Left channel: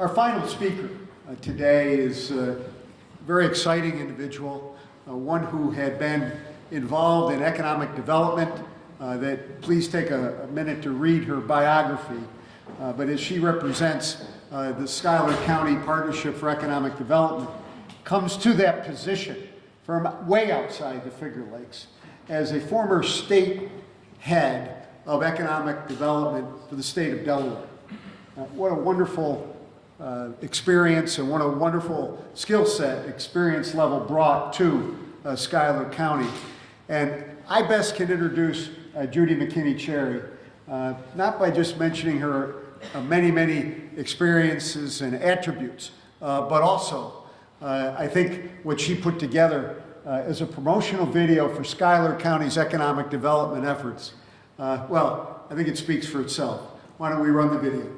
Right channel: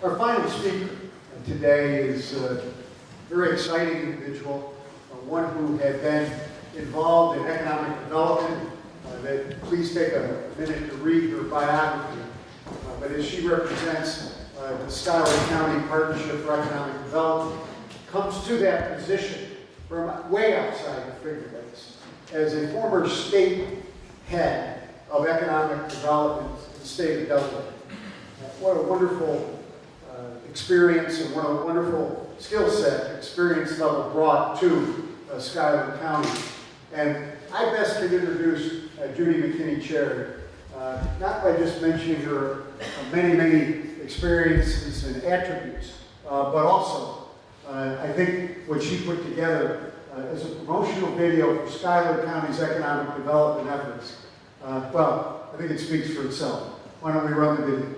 Our final speaker today is a very exciting individual, one who had been involved in economic development. Please take a minute to read her biography. But as she represents the Schuyler County Partnership for Economic Development, comes to that position from way outside the Finger Lakes as a former state head of economic development for the state of Delaware. What a wonderful experience and what a wonderful skill set, experience level brought to Schuyler County. And I best can introduce Judy McKinney Cherry, not by just mentioning her many experiences and attributes, but also I think what she put together is a promotional video for Schuyler County's economic development efforts. Well, I think it speaks for itself. Why don't we run the video?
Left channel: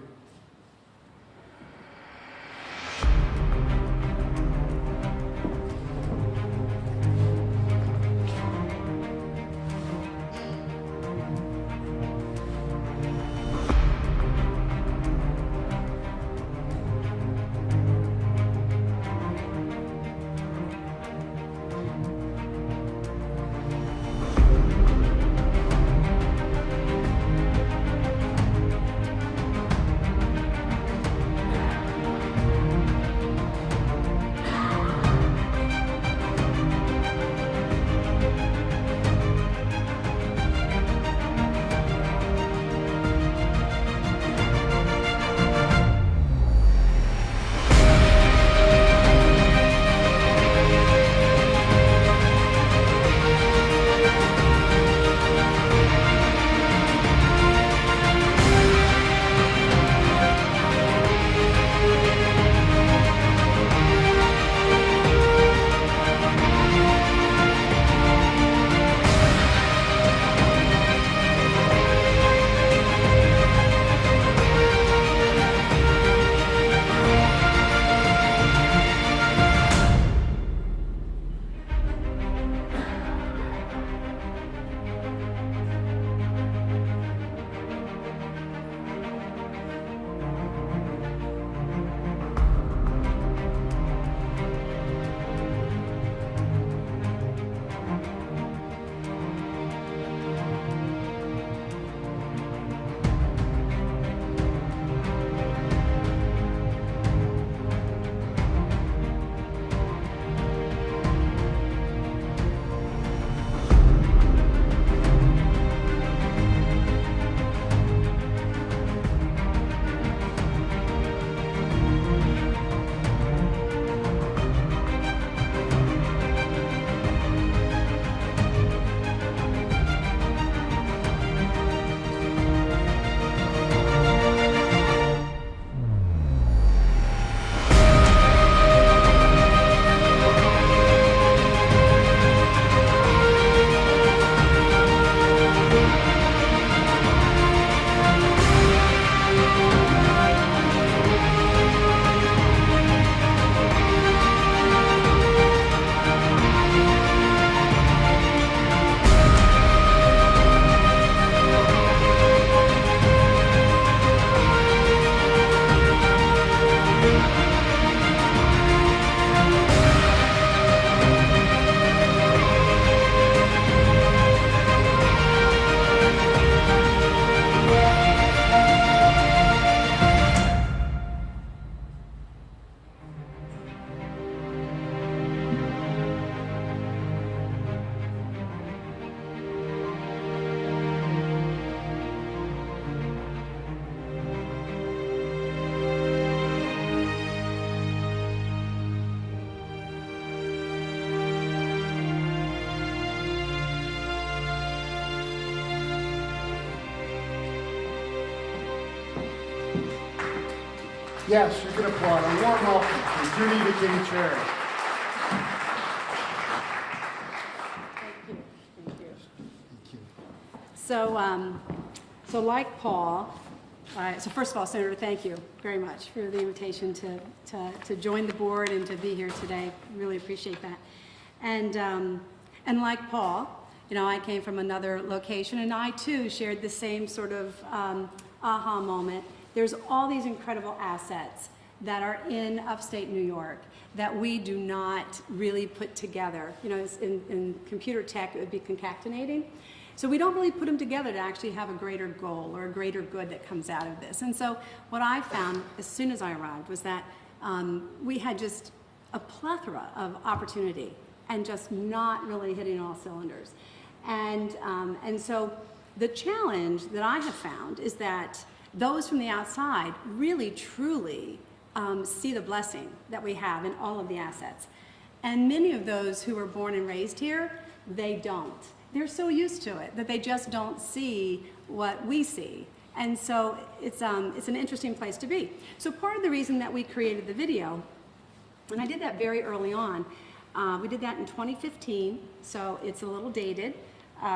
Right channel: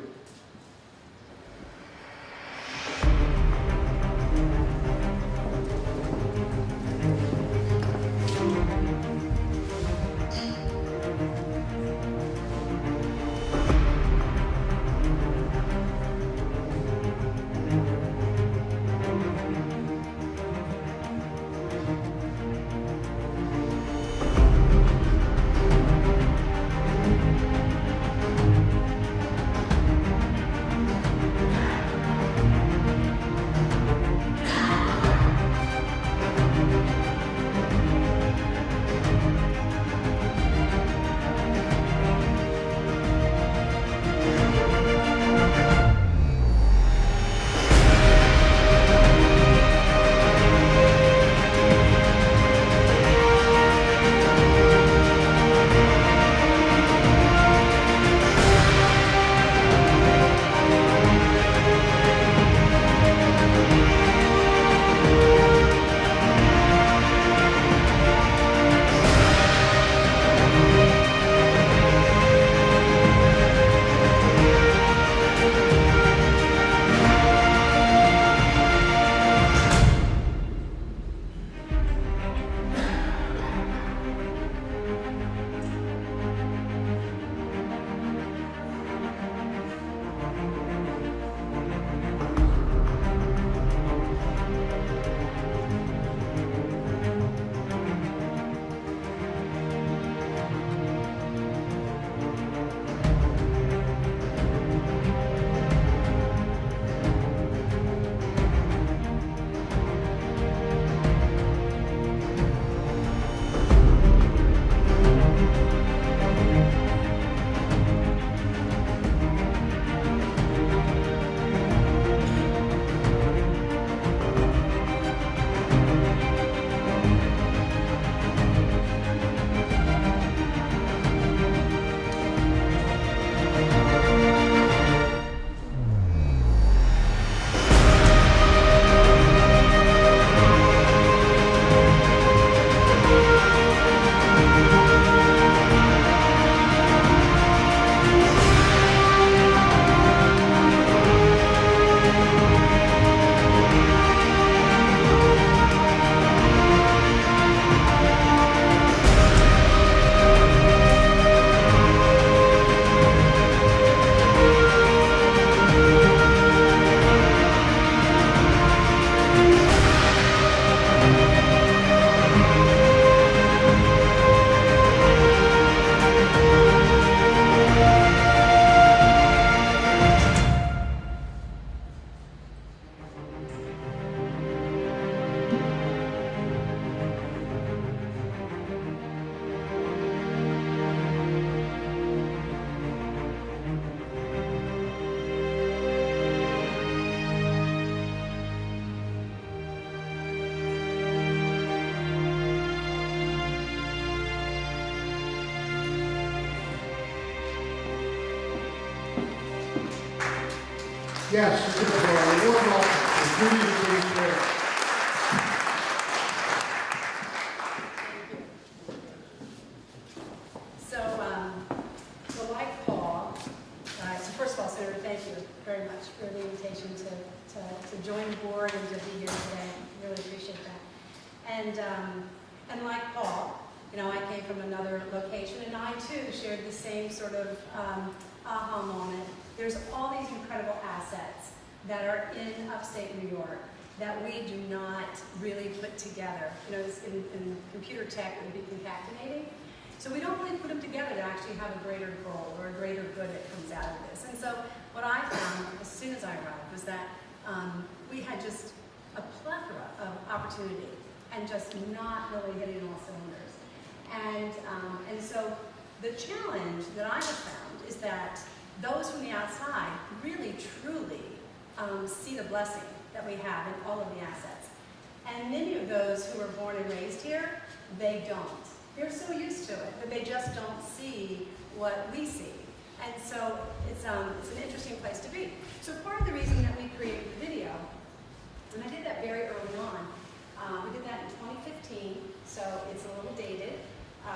Yes, we're going to call a warm welcome to Judy McKinney Cherry. So like Paul, so first of all, Senator, thank you very much for the invitation to join the board and to be here today. Really appreciate that. And like Paul, you know, I came from another location, and I too shared the same sort of aha moment. There's all these incredible assets that are in upstate New York that we do not really put together. You know, in computer tech, it would be concatenating. So we don't really put them together to actually have a greater goal or a greater good that comes out of this. And so what I found as soon as I arrived was that we had just a plethora of opportunity and just not really hitting all cylinders. And so the challenge that I have found is that those from the outside really, truly see the blessing that we have in all of the assets. And many of those who were born and raised here, they don't. They're so used to it that they just don't see what we see. And so it's an interesting place to be. So part of the reason that we created the video, and I did that very early on, we did that in 2015, so it's a little dated,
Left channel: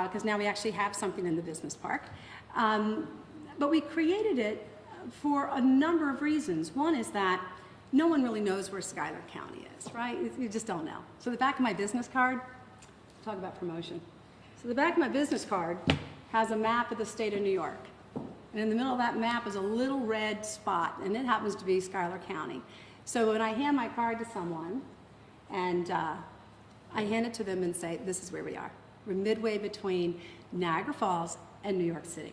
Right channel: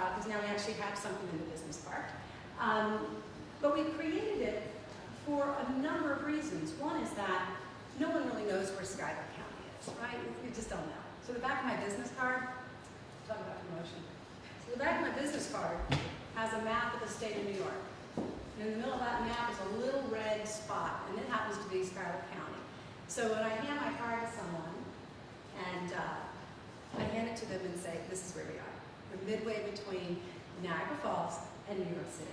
because now we actually have something in the business park. But we created it for a number of reasons. One is that no one really knows where Schuyler County is, right? You just don't know. So the back of my business card, talk about promotion. So the back of my business card has a map of the state of New York. And in the middle of that map is a little red spot, and it happens to be Schuyler County. So when I hand my card to someone, and I hand it to them and say, this is where we are. We're midway between Niagara Falls and New York City.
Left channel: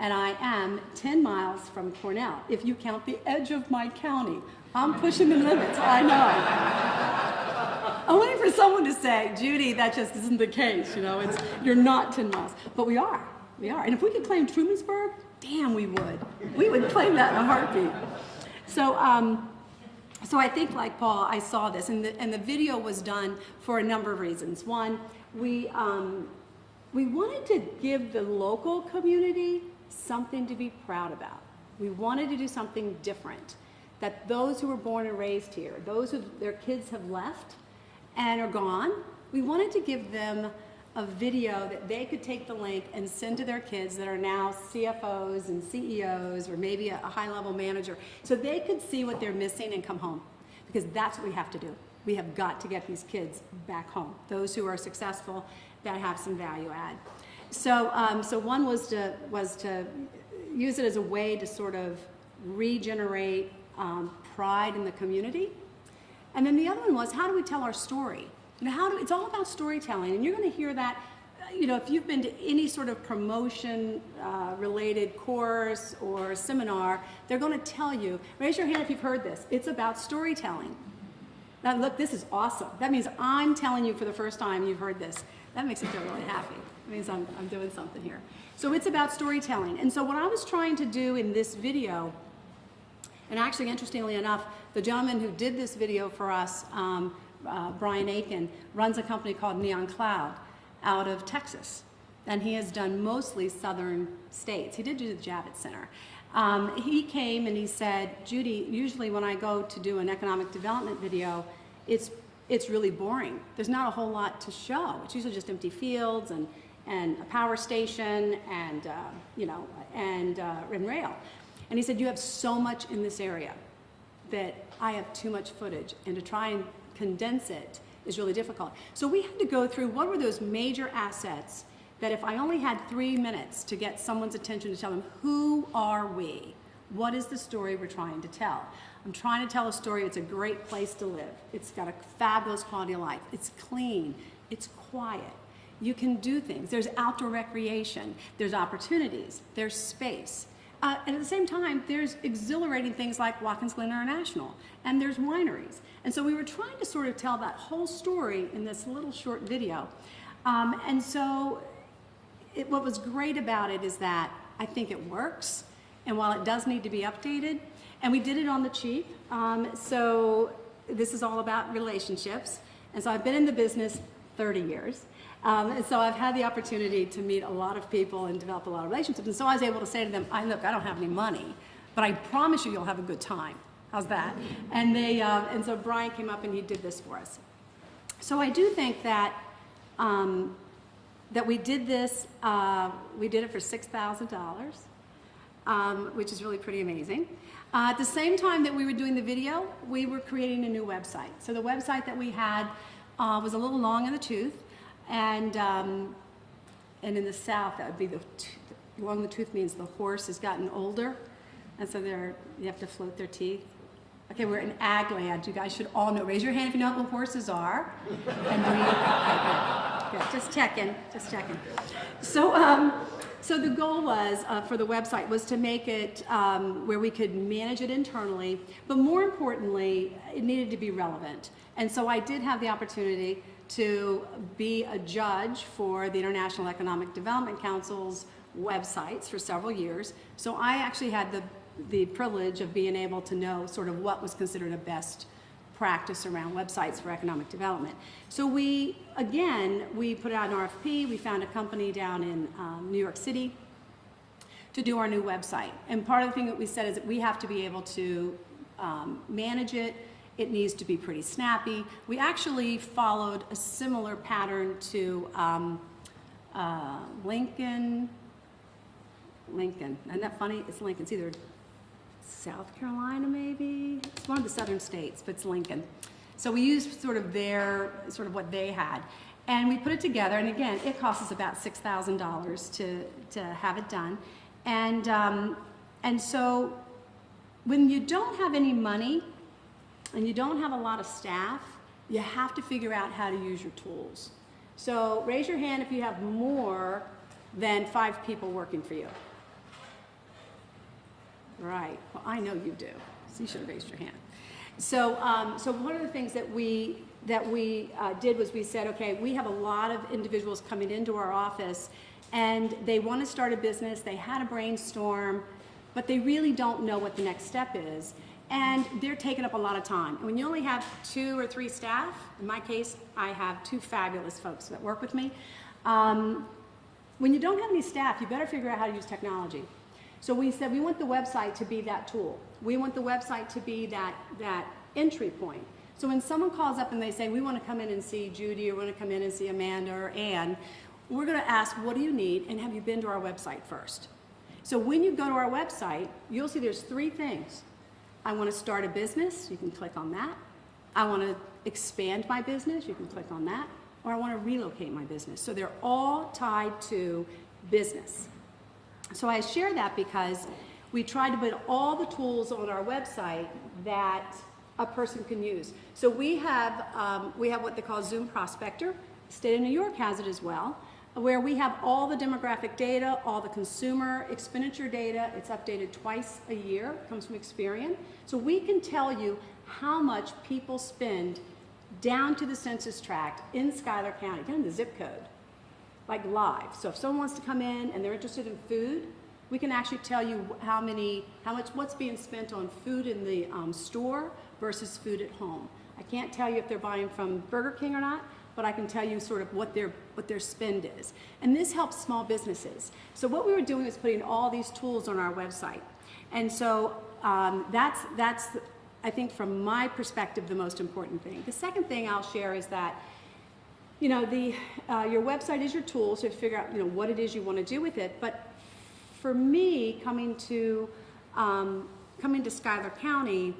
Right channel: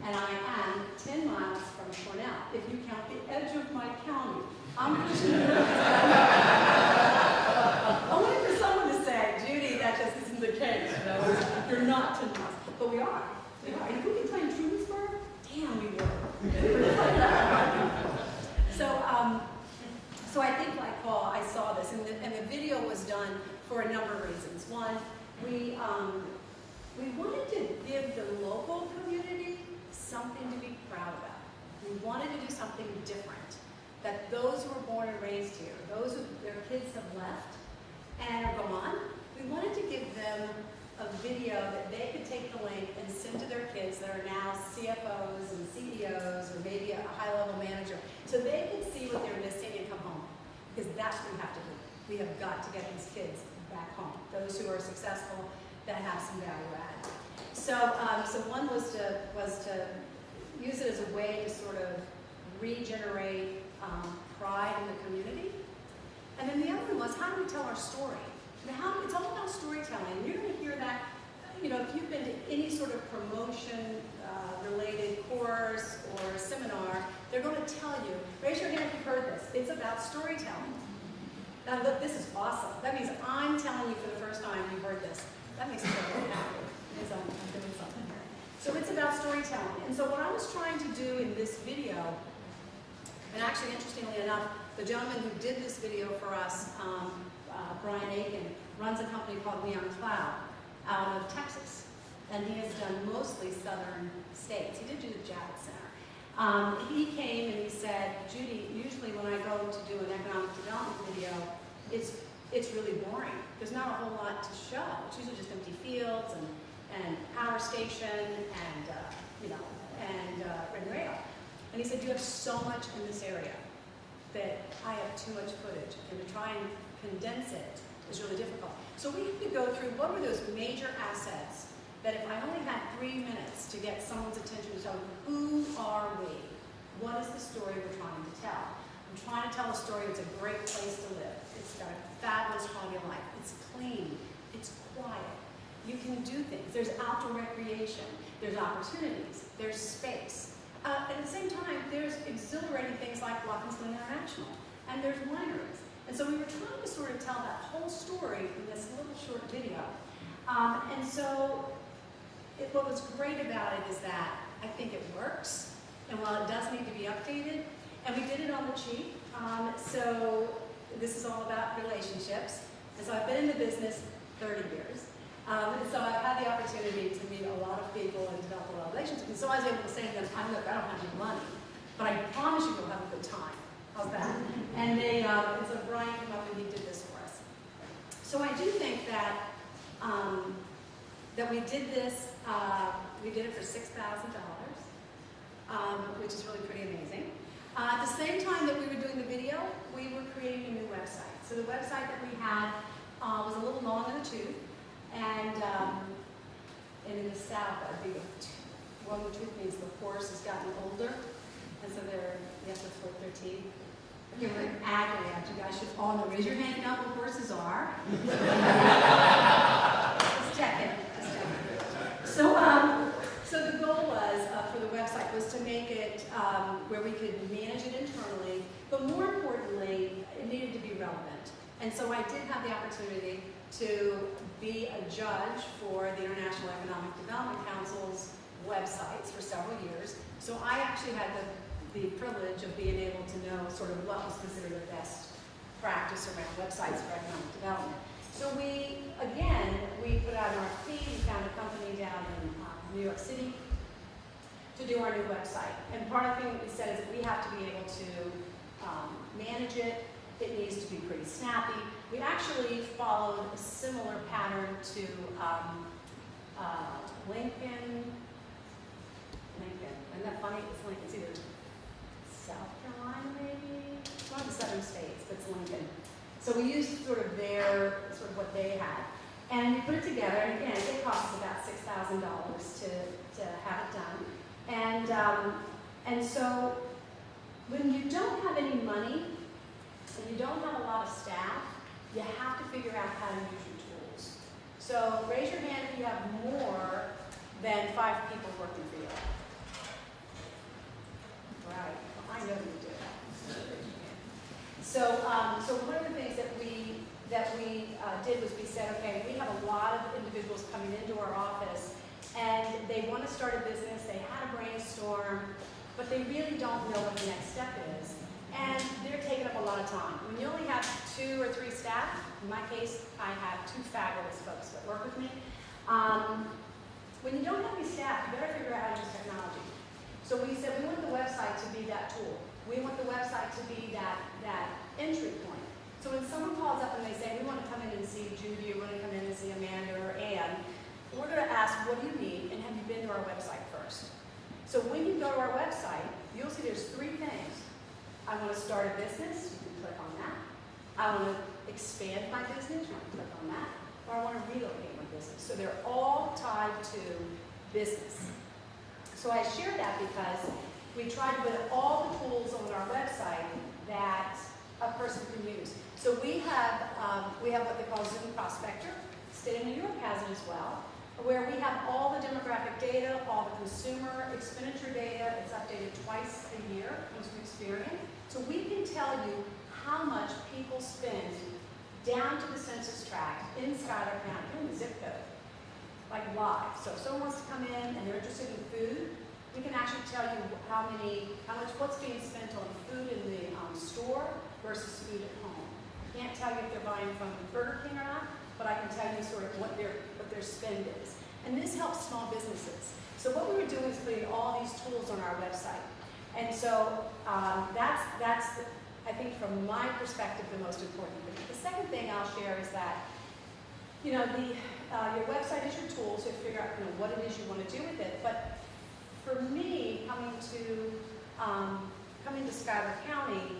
And I am 10 miles from Cornell, if you count the edge of my county. I'm pushing the limits, I know. I'm waiting for someone to say, Judy, that just isn't the case, you know, you're not 10 miles. But we are. And if we could claim Trumansburg, damn, we would. We would claim that in a heartbeat. So I think, like Paul, I saw this, and the video was done for a number of reasons. One, we wanted to give the local community something to be proud about. We wanted to do something different, that those who were born and raised here, those who their kids have left and are gone, we wanted to give them a video that they could take the link and send to their kids that are now CFOs and CEOs or maybe a high-level manager, so they could see what they're missing and come home, because that's what we have to do. We have got to get these kids back home, those who are successful that have some value add. So one was to use it as a way to sort of regenerate pride in the community, and then the other one was, how do we tell our story? And it's all about storytelling, and you're going to hear that, you know, if you've been to any sort of promotion related course or seminar, they're going to tell you, raise your hand if you've heard this, it's about storytelling. Now look, this is awesome. That means I'm telling you for the first time you've heard this. That makes me feel really happy. It means I'm doing something here. So it's about storytelling. And so what I was trying to do in this video, and actually interestingly enough, the gentleman who did this video for us, Brian Aiken, runs a company called Neon Cloud out of Texas. And he has done mostly southern states. He did do the Javits Center. He came and he said, Judy, usually when I go to do an economic development video, it's really boring. There's not a whole lot to show. It's usually just empty fields and a power station and rail. And he said, you have so much in this area that I have too much footage, and to try and condense it is really difficult. So we had to go through what were those major assets that if I only had 3 minutes to get someone's attention to tell them, who are we? What is the story we're trying to tell? I'm trying to tell a story. It's a great place to live. It's got a fabulous quality of life. It's clean. It's quiet. You can do things. There's outdoor recreation. There's opportunities. There's space. And at the same time, there's exhilarating things like Watkins Glen International, and there's wineries. And so we were trying to sort of tell that whole story in this little short video. And so what was great about it is that I think it works, and while it does need to be updated, and we did it on the cheap, so this is all about relationships. And so I've been in the business 30 years. And so I've had the opportunity to meet a lot of people and develop a lot of relationships. And so I was able to say to them, look, I don't have any money, but I promise you you'll have a good time. How's that? And and so Brian came up and he did this for us. So I do think that that we did this, we did it for $6,000, which is really pretty amazing. At the same time that we were doing the video, we were creating a new website. So the website that we had was a little long in the tooth, and in the South, that would be long in the tooth means the horse has gotten older, and so you have to float their teeth. Okay, we're in ag land. You guys should all know. Raise your hand if you know what horses are. Okay, just checking. So the goal was for the website was to make it where we could manage it internally, but more importantly, it needed to be relevant. And so I did have the opportunity to be a judge for the International Economic Development Council's websites for several years. So I actually had the privilege of being able to know sort of what was considered a best practice around websites for economic development. So we put out an RFP. We found a company down in New York City to do our new website. And part of the thing that we said is that we have to be able to manage it. It needs to be pretty snappy. We actually followed a similar pattern to Lincoln. Isn't that funny? It's Lincoln. It's either South Carolina, maybe. It's one of the southern states, but it's Lincoln. So we used sort of what they had. And we put it together, and again, it cost us about $6,000 to have it done. And so when you don't have any money and you don't have a lot of staff, you have to figure out how to use your tools. So raise your hand if you have more than 5 people working for you. Right, well, I know you do, so you should raise your hand. So one of the things that we did was we said, okay, we have a lot of individuals coming into our office and they want to start a business, they had a brainstorm, but they really don't know what the next step is. And they're taking up a lot of time. When you only have 2 or 3 staff, in my case, I have 2 fabulous folks that work with me. When you don't have any staff, you better figure out how to use technology. So we said we want the website to be that tool. We want the website to be that entry point. So when someone calls up and they say, we want to come in and see Judy, or we want to come in and see Amanda or Ann, we're going to ask, what do you need, and have you been to our website first? So when you go to our website, you'll see there's 3 things. I want to start a business, you can click on that. I want to expand my business, you can click on that. Or I want to relocate my business. So they're all tied to business. So I share that because we try to put all the tools on our website that a person can use. So we have what they call Zoom Prospector. State of New York has it as well, where we have all the demographic data, all the consumer expenditure data. It's updated twice a year, comes from Experian. So we can tell you how much people spend down to the census tract in Schuyler County, down to the zip code, like live. So if someone wants to come in and they're interested in food, we can actually tell you what's being spent on food in the store versus food at home. I can't tell you if they're buying from Burger King or not, but I can tell you sort of what their spend is. And this helps small businesses. So what we were doing is putting all these tools on our website. And so that's I think from my perspective, the most important thing. The second thing I'll share is that, your website is your tool, so to figure out, what it is you want to do with it. But for me, coming to Schuyler County,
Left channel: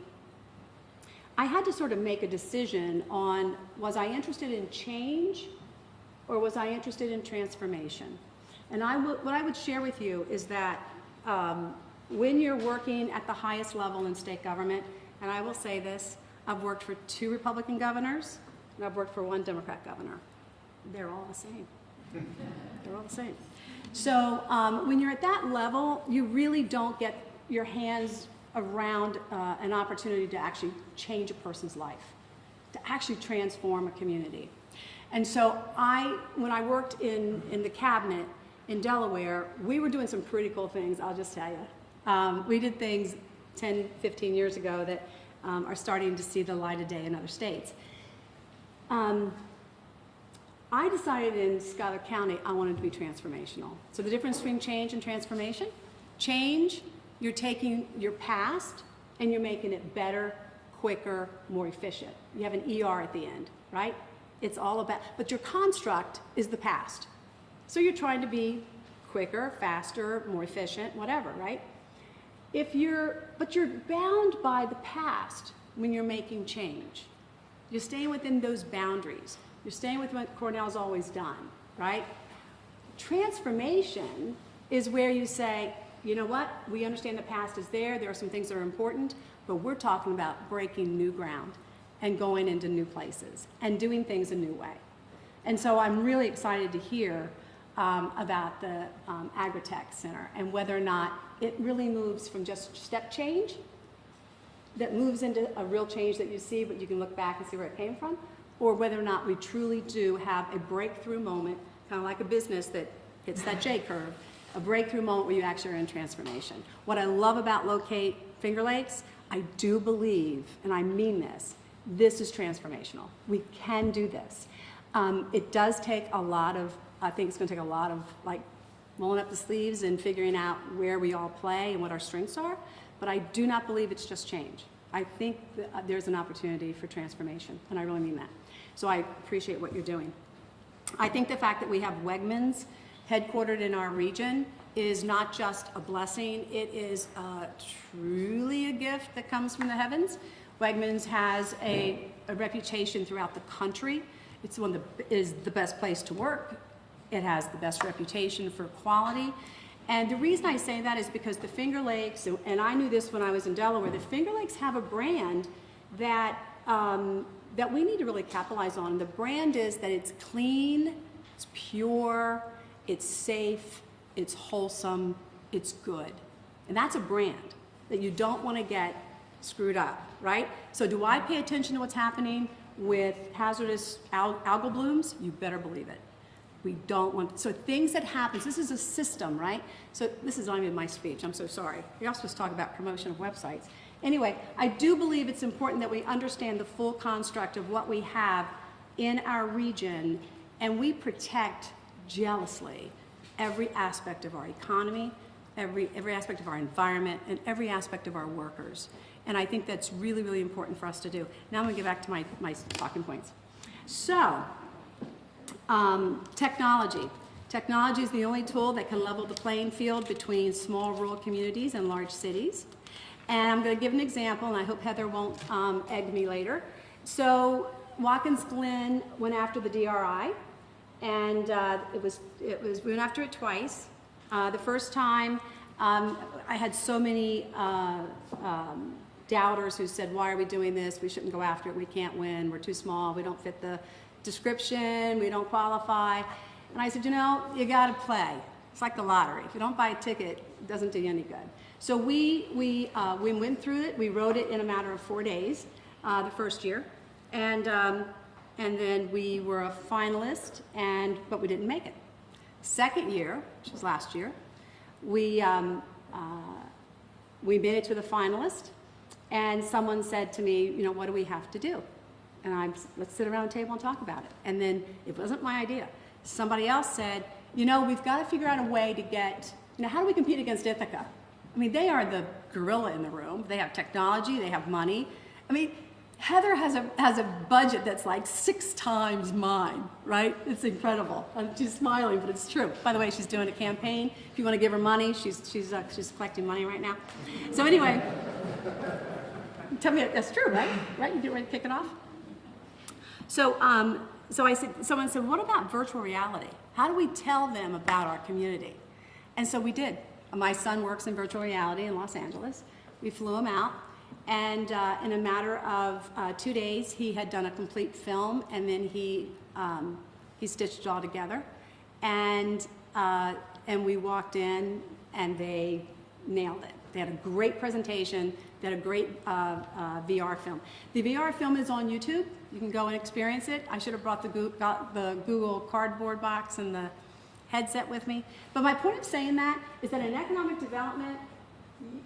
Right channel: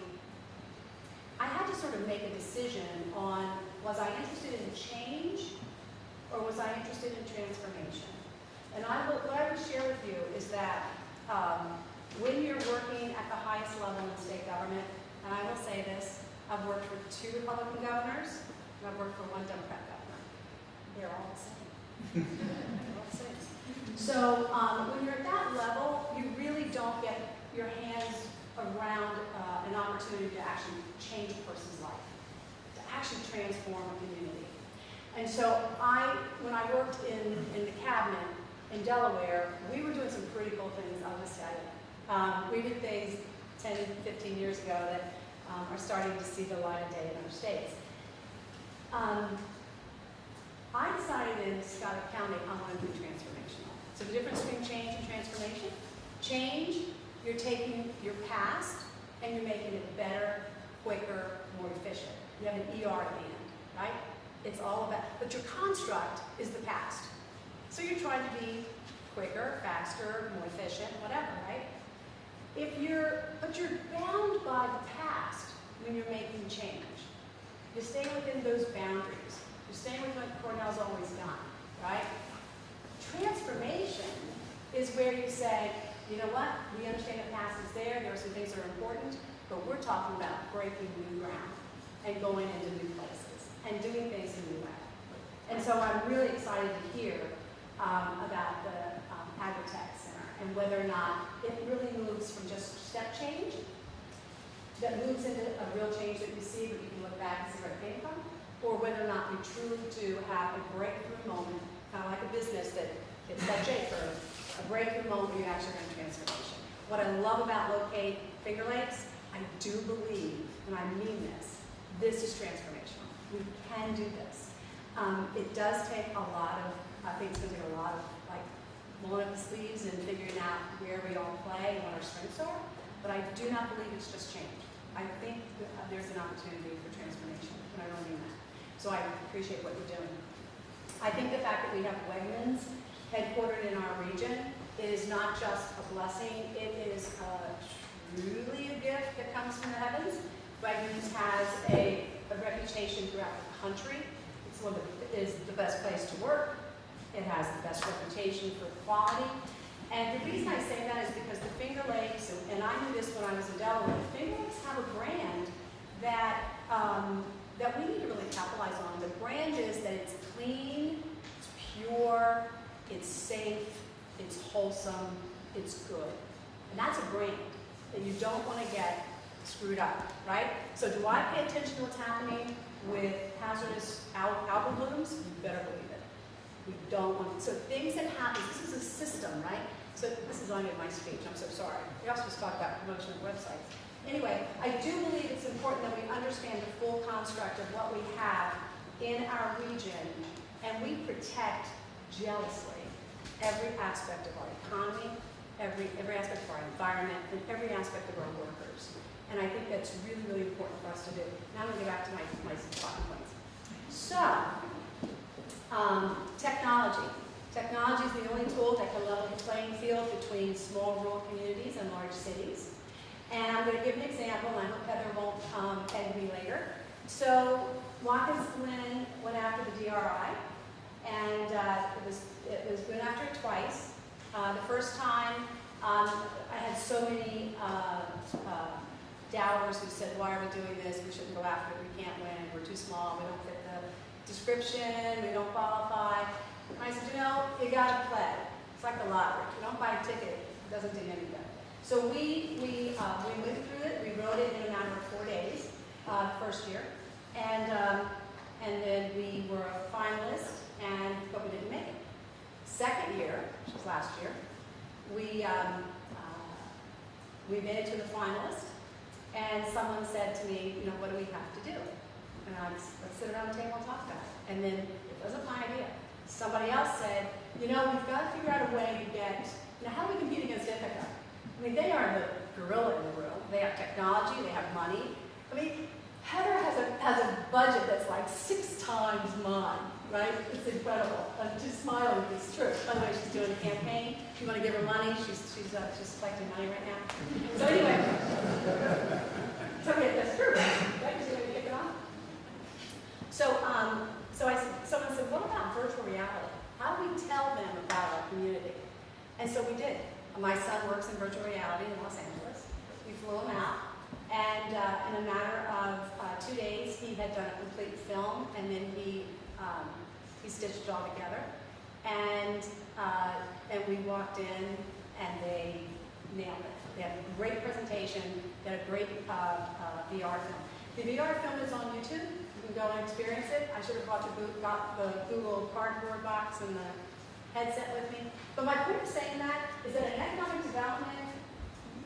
I had to sort of make a decision on, was I interested in change or was I interested in transformation? And what I would share with you is that when you're working at the highest level in state government, and I will say this, I've worked for 2 Republican governors, and I've worked for 1 Democrat governor. They're all the same. They're all the same. So when you're at that level, you really don't get your hands around an opportunity to actually change a person's life, to actually transform a community. And so when I worked in the cabinet in Delaware, we were doing some pretty cool things, I'll just tell you. We did things 10, 15 years ago that are starting to see the light of day in other states. I decided in Schuyler County I wanted to be transformational. So the difference between change and transformation: change, you're taking your past and you're making it better, quicker, more efficient. You have an ER at the end, right? It's all about, but your construct is the past. So you're trying to be quicker, faster, more efficient, whatever, right? But you're bound by the past when you're making change. You stay within those boundaries. You're staying with what Cornell's always done, right? Transformation is where you say, you know what, we understand the past is there are some things that are important, but we're talking about breaking new ground and going into new places and doing things a new way. And so I'm really excited to hear about the Agritech Center and whether or not it really moves from just step change, that moves into a real change that you see, but you can look back and see where it came from, or whether or not we truly do have a breakthrough moment, kind of like a business that hits that J-curve, a breakthrough moment where you actually are in transformation. What I love about Locate Finger Lakes, I do believe, and I mean this is transformational. We can do this. It does take a lot of, I think it's gonna take a lot of like rolling up the sleeves and figuring out where we all play and what our strengths are, but I do not believe it's just change. I think there's an opportunity for transformation, and I really mean that. So I appreciate what you're doing. I think the fact that we have Wegmans headquartered in our region is not just a blessing, it is truly a gift that comes from the heavens. Wegmans has a reputation throughout the country. It's one that is the best place to work. It has the best reputation for quality. And the reason I say that is because the Finger Lakes, and I knew this when I was in Delaware, the Finger Lakes have a brand that, that we need to really capitalize on. The brand is that it's clean, it's pure, it's safe, it's wholesome, it's good. And that's a brand that you don't want to get screwed up, right? So do I pay attention to what's happening with hazardous algal blooms? You better believe it. We don't want, so things that happen, this is a system, right? So this is not even my speech, I'm so sorry. We're also supposed to talk about promotion of websites. Anyway, I do believe it's important that we understand the full construct of what we have in our region, and we protect jealously every aspect of our economy, every aspect of our environment, and every aspect of our workers. And I think that's really, really important for us to do. Now I'm gonna get back to my talking points. So, technology. Technology is the only tool that can level the playing field between small rural communities and large cities. And I'm going to give an example, and I hope Heather won't egg me later. So Watkins Glen went after the DRI, and we went after it twice. The first time, I had so many doubters who said, why are we doing this? We shouldn't go after it. We can't win. We're too small. We don't fit the description. We don't qualify. And I said, you know, you got to play. It's like the lottery. If you don't buy a ticket, it doesn't do you any good. So we went through it. We wrote it in a matter of 4 days, the first year, and then we were a finalist, but we didn't make it. Second year, which was last year, we made it to the finalist, and someone said to me, you know, what do we have to do? And let's sit around the table and talk about it. And then it wasn't my idea. Somebody else said, you know, we've got to figure out a way to get, you know, how do we compete against Ithaca? I mean, they are the gorilla in the room. They have technology, they have money. I mean, Heather has a budget that's like 6 times mine, right? It's incredible. I'm just smiling, but it's true. By the way, she's doing a campaign. If you want to give her money, she's collecting money right now. So anyway, tell me if that's true, right? Right? You get ready to kick it off? So, so I said, someone said, what about virtual reality? How do we tell them about our community? And so we did. My son works in virtual reality in Los Angeles. We flew him out, and in a matter of 2 days, he had done a complete film, and then he stitched it all together. And we walked in, and they nailed it. They had a great presentation. They had a great VR film. The VR film is on YouTube. You can go and experience it. I should have brought the Google cardboard box and the headset with me. But my point of saying that is that in economic development,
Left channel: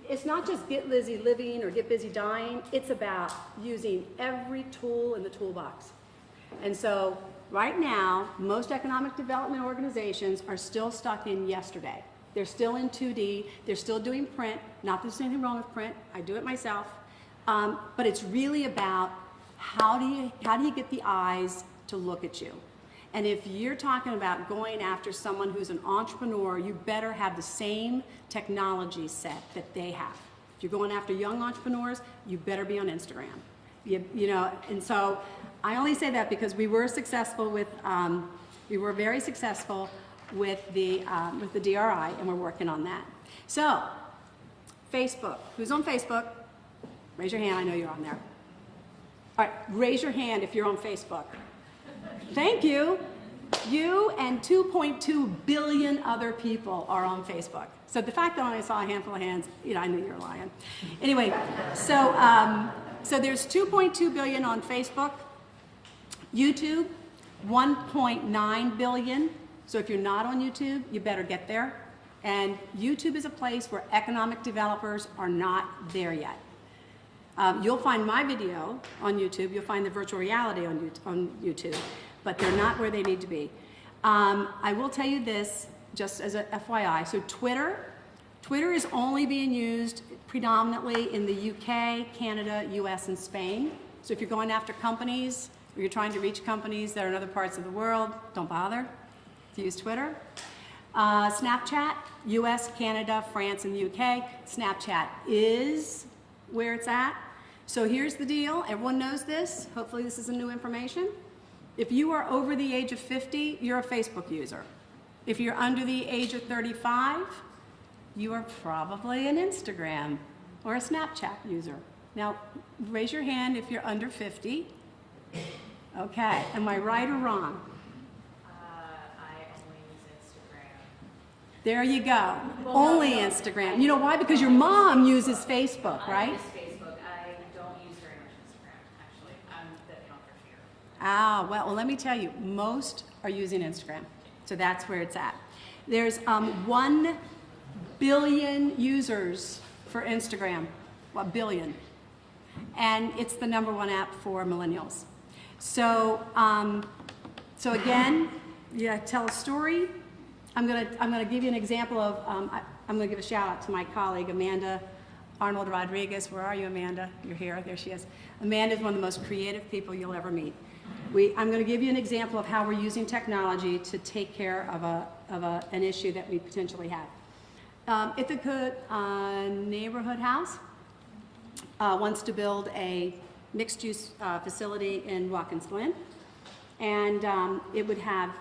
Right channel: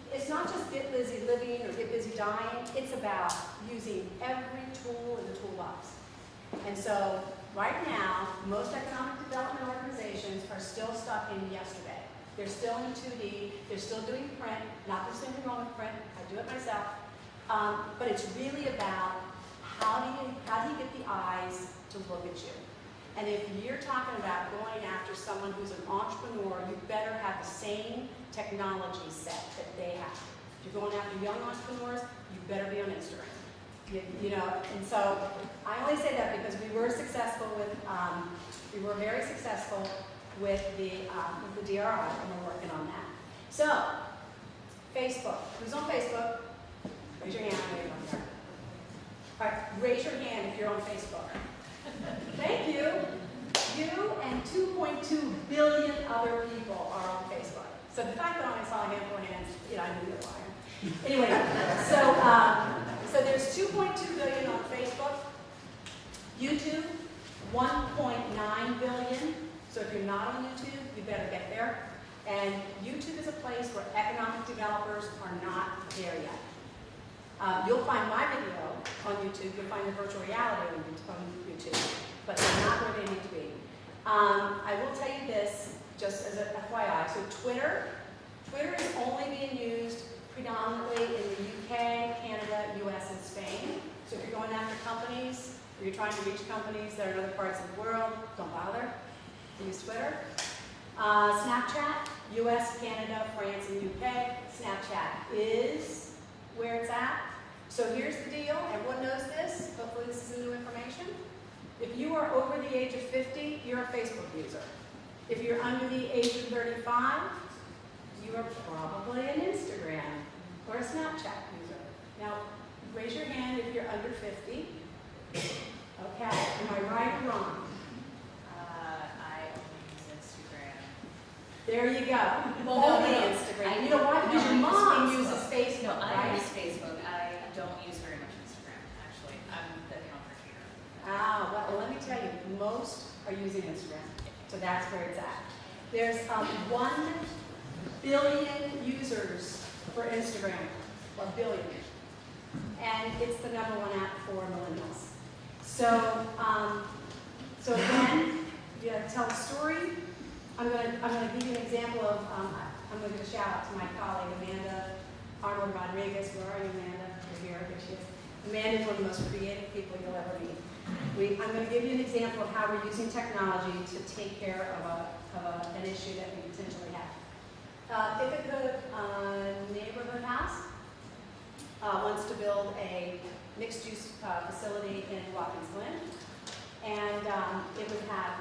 it's not just get busy living or get busy dying. It's about using every tool in the toolbox. And so right now, most economic development organizations are still stuck in yesterday. They're still in 2D. They're still doing print. Not that there's anything wrong with print. I do it myself. But it's really about how do you get the eyes to look at you? And if you're talking about going after someone who's an entrepreneur, you better have the same technology set that they have. If you're going after young entrepreneurs, you better be on Instagram. You know, and so I only say that because we were successful with, we were very successful with the DRI, and we're working on that. So, Facebook. Who's on Facebook? Raise your hand, I know you're on there. All right, raise your hand if you're on Facebook. Thank you. You and 2.2 billion other people are on Facebook. So the fact that I saw a handful of hands, I knew you were lying. Anyway, so there's 2.2 billion on Facebook. YouTube, 1.9 billion. So if you're not on YouTube, you better get there. And YouTube is a place where economic developers are not there yet. You'll find my video on YouTube. You'll find the virtual reality on YouTube, but they're not where they need to be. I will tell you this, just as a FYI. So Twitter is only being used predominantly in the UK, Canada, US, and Spain. So if you're going after companies, or you're trying to reach companies that are in other parts of the world, don't bother to use Twitter. Snapchat, US, Canada, France, and the UK. Snapchat is where it's at. So here's the deal, everyone knows this, hopefully this is new information. If you are over the age of 50, you're a Facebook user. If you're under the age of 35, you are probably an Instagram or a Snapchat user. Now, raise your hand if you're under 50. Okay, am I right or wrong? I only use Instagram. There you go, only Instagram. You know why? Because your mom uses Facebook, I right? use Facebook. I don't use very much Instagram, actually. I'm the counter trader. Ah, well, let me tell you, most are using Instagram. So that's where it's at. There's 1 billion users for Instagram, 1 billion. And it's the #1 app for millennials. So, so again, tell a story. I'm gonna give you an example of, I'm gonna give a shout out to my colleague, Amanda Arnold Rodriguez. Where are you, Amanda? You're here, there she is. Amanda is one of the most creative people you'll ever meet. I'm going to give you an example of how we're using technology to take care of an issue that we potentially have. Ithaca Neighborhood House wants to build a mixed-use facility in Watkins Glen, and it would have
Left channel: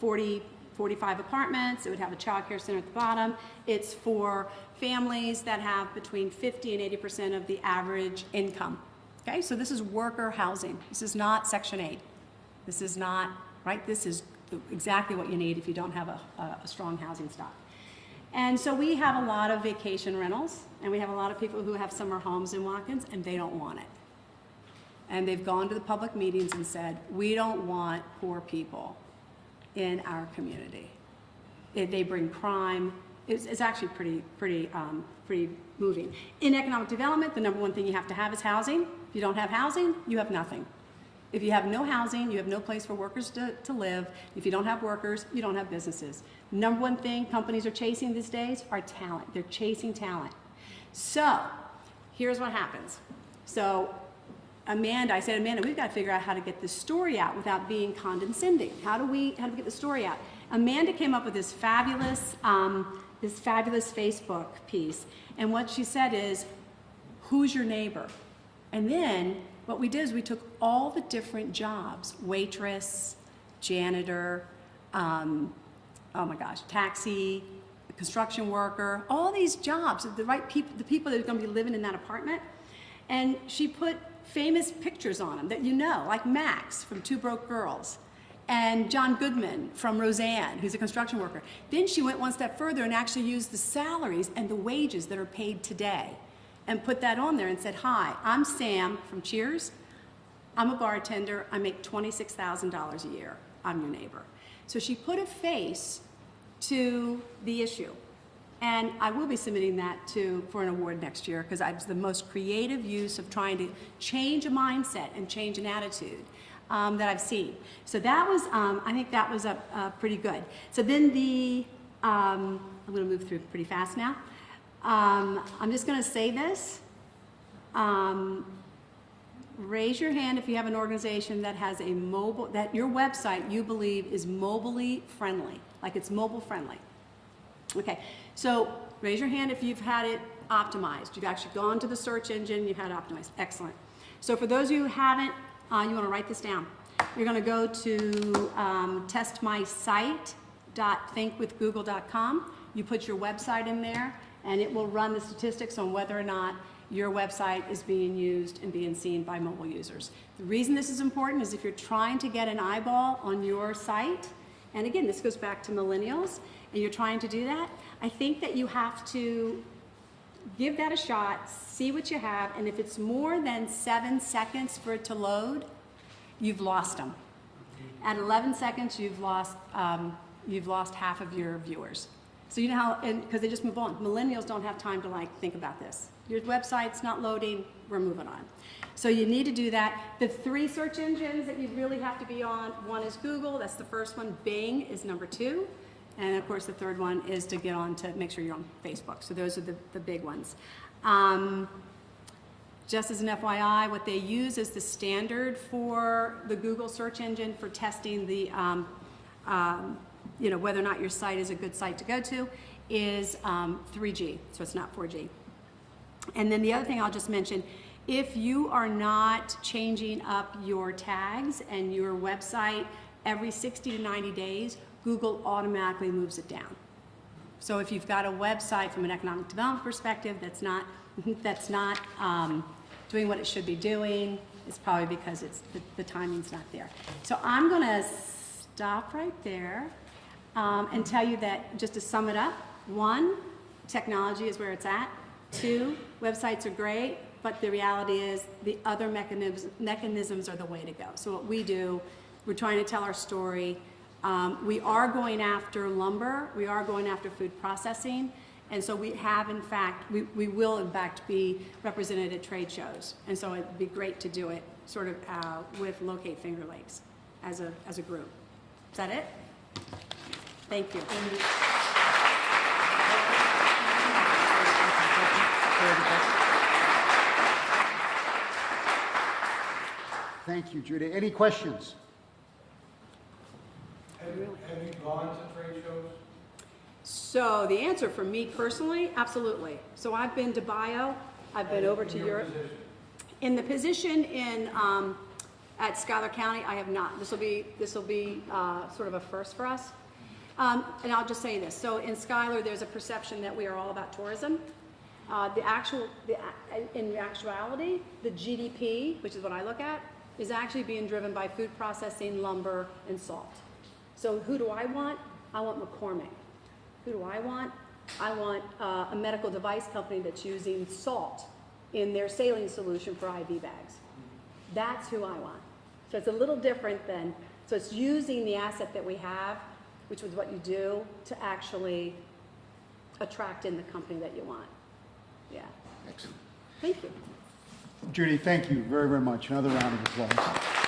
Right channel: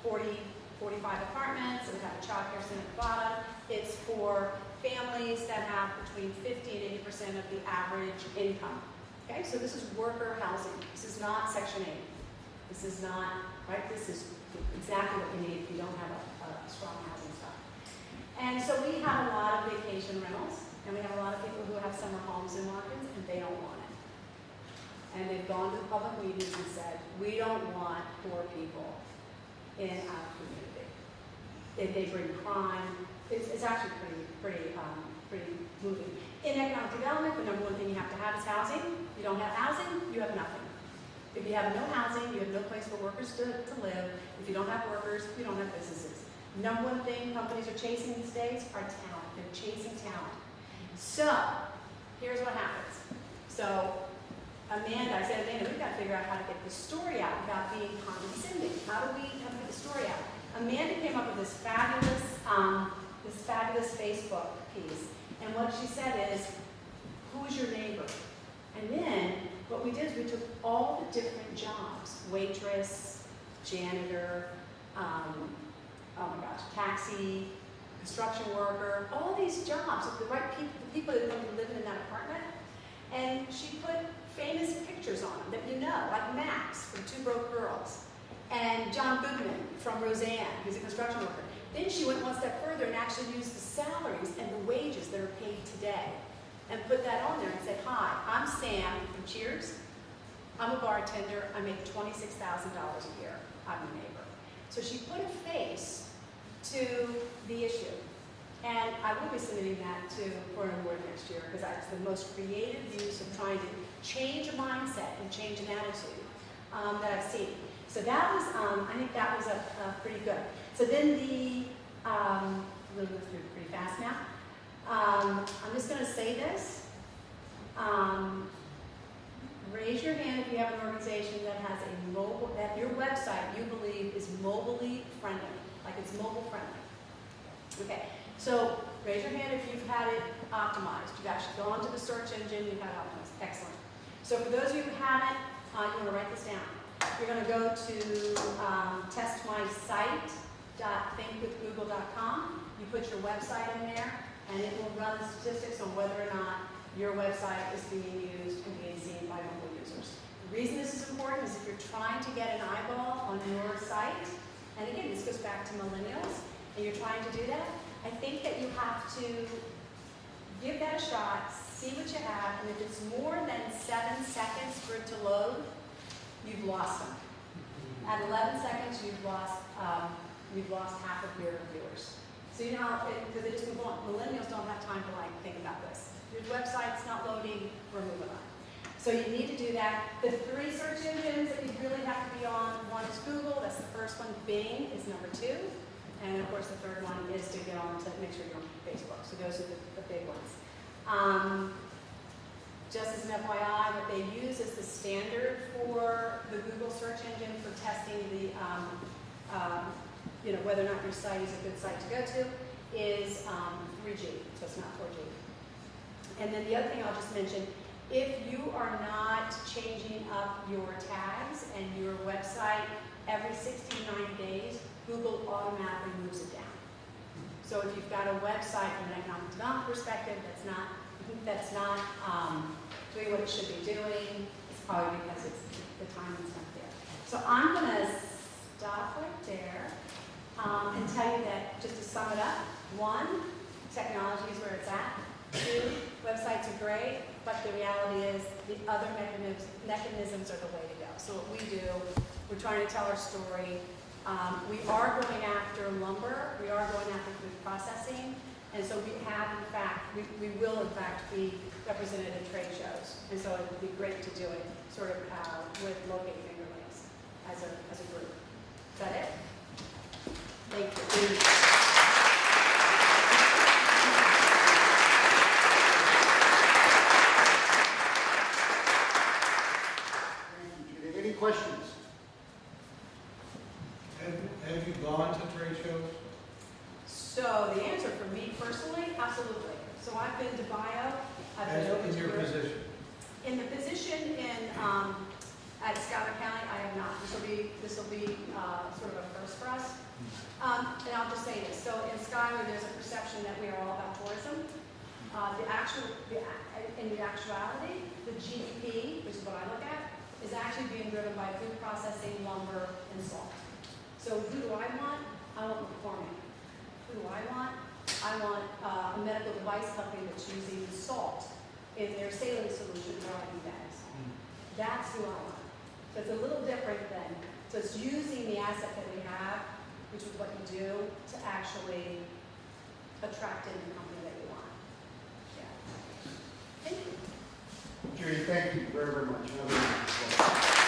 45 apartments. It would have a child care center at the bottom. It's for families that have between 50 and 80% of the average income. Okay, so this is worker housing. This is not Section 8. This is not, right? This is exactly what you need if you don't have a strong housing stock. And so we have a lot of vacation rentals, and we have a lot of people who have summer homes in Watkins, and they don't want it. And they've gone to the public meetings and said, we don't want poor people in our community. If they bring crime, it's actually pretty moving. In economic development, the #1 thing you have to have is housing. If you don't have housing, you have nothing. If you have no housing, you have no place for workers to live. If you don't have workers, you don't have businesses. #1 thing companies are chasing these days are talent. They're chasing talent. So, here's what happens. So, I said, Amanda, we've got to figure out how to get this story out without being condescending. How do we get the story out? Amanda came up with this fabulous Facebook piece. And what she said is, who's your neighbor? And then what we did is we took all the different jobs, waitress, janitor, oh my gosh, taxi, construction worker, all these jobs of the right people, the people that are going to be living in that apartment. And she put famous pictures on them that you know, like Max from Two Broke Girls, and John Goodman from Roseanne, who's a construction worker. Then she went one step further and actually used the salaries and the wages that are paid today and put that on there and said, hi, I'm Sam from Cheers. I'm a bartender. I make $26,000 a year. I'm your neighbor. So she put a face to the issue. And I will be submitting that for an award next year because it's the most creative use of trying to change a mindset and change an attitude that I've seen. So that was, I think that was pretty good. So then I'm going to move through pretty fast now. I'm just going to say this. Raise your hand if you have an organization that has that your website you believe is mobilely friendly, like it's mobile friendly. Okay, so raise your hand if you've had it optimized. You've actually gone to the search engine, you've had it optimized. Excellent. So for those of you who haven't, you want to write this down. You're going to go to testmysite.thinkwithgoogle.com. You put your website in there, and it will run the statistics on whether or not your website is being used and being seen by mobile users. The reason this is important is if you're trying to get an eyeball on your site, and again, this goes back to millennials, and you're trying to do that, I think that you have to give that a shot, see what you have, and if it's more than 7 seconds for it to load, you've lost them. At 11 seconds, you've lost half of your viewers. So you know how, because they just move on. Millennials don't have time to like think about this. Your website's not loading, we're moving on. So you need to do that. The 3 search engines that you really have to be on, one is Google, that's the first one. Bing is number 2. And of course the third one is to get on to make sure you're on Facebook. So those are the big ones. Just as an FYI, what they use as the standard for the Google search engine for testing the, whether or not your site is a good site to go to is 3G, so it's not 4G. And then the other thing I'll just mention, if you are not changing up your tags and your website every 60 to 90 days, Google automatically moves it down. So if you've got a website from an economic development perspective that's not doing what it should be doing, it's probably because the timing's not there. So I'm going to stop right there and tell you that, just to sum it up, 1, technology is where it's at. 2, websites are great, but the reality is the other mechanisms are the way to go. So what we do, we're trying to tell our story. We are going after lumber, we are going after food processing, and so we have in fact, we will in fact be represented at trade shows, and so it'd be great to do it sort of with Locate Finger Lakes as a group. Is that it? Thank you. Thank you, Judy. Any questions? Have you gone to trade shows? So the answer for me personally, absolutely. So I've been to Bio, I've been over to Europe. Position? In the position at Schuyler County, I have not. This will be sort of a first for us. And I'll just say this. So in Schuyler, there's a perception that we are all about tourism. In the actuality, the GDP, which is what I look at, is actually being driven by food processing, lumber, and salt. So who do I want? I want McCormick. Who do I want? I want a medical device company that's using salt in their saline solution for IV bags. That's who I want. So it's a little different than, so it's using the asset that we have, which is what you do, to actually attract in the company that you want. Yeah. Excellent. Thank you. Judy, thank you very, very much. Another round of applause.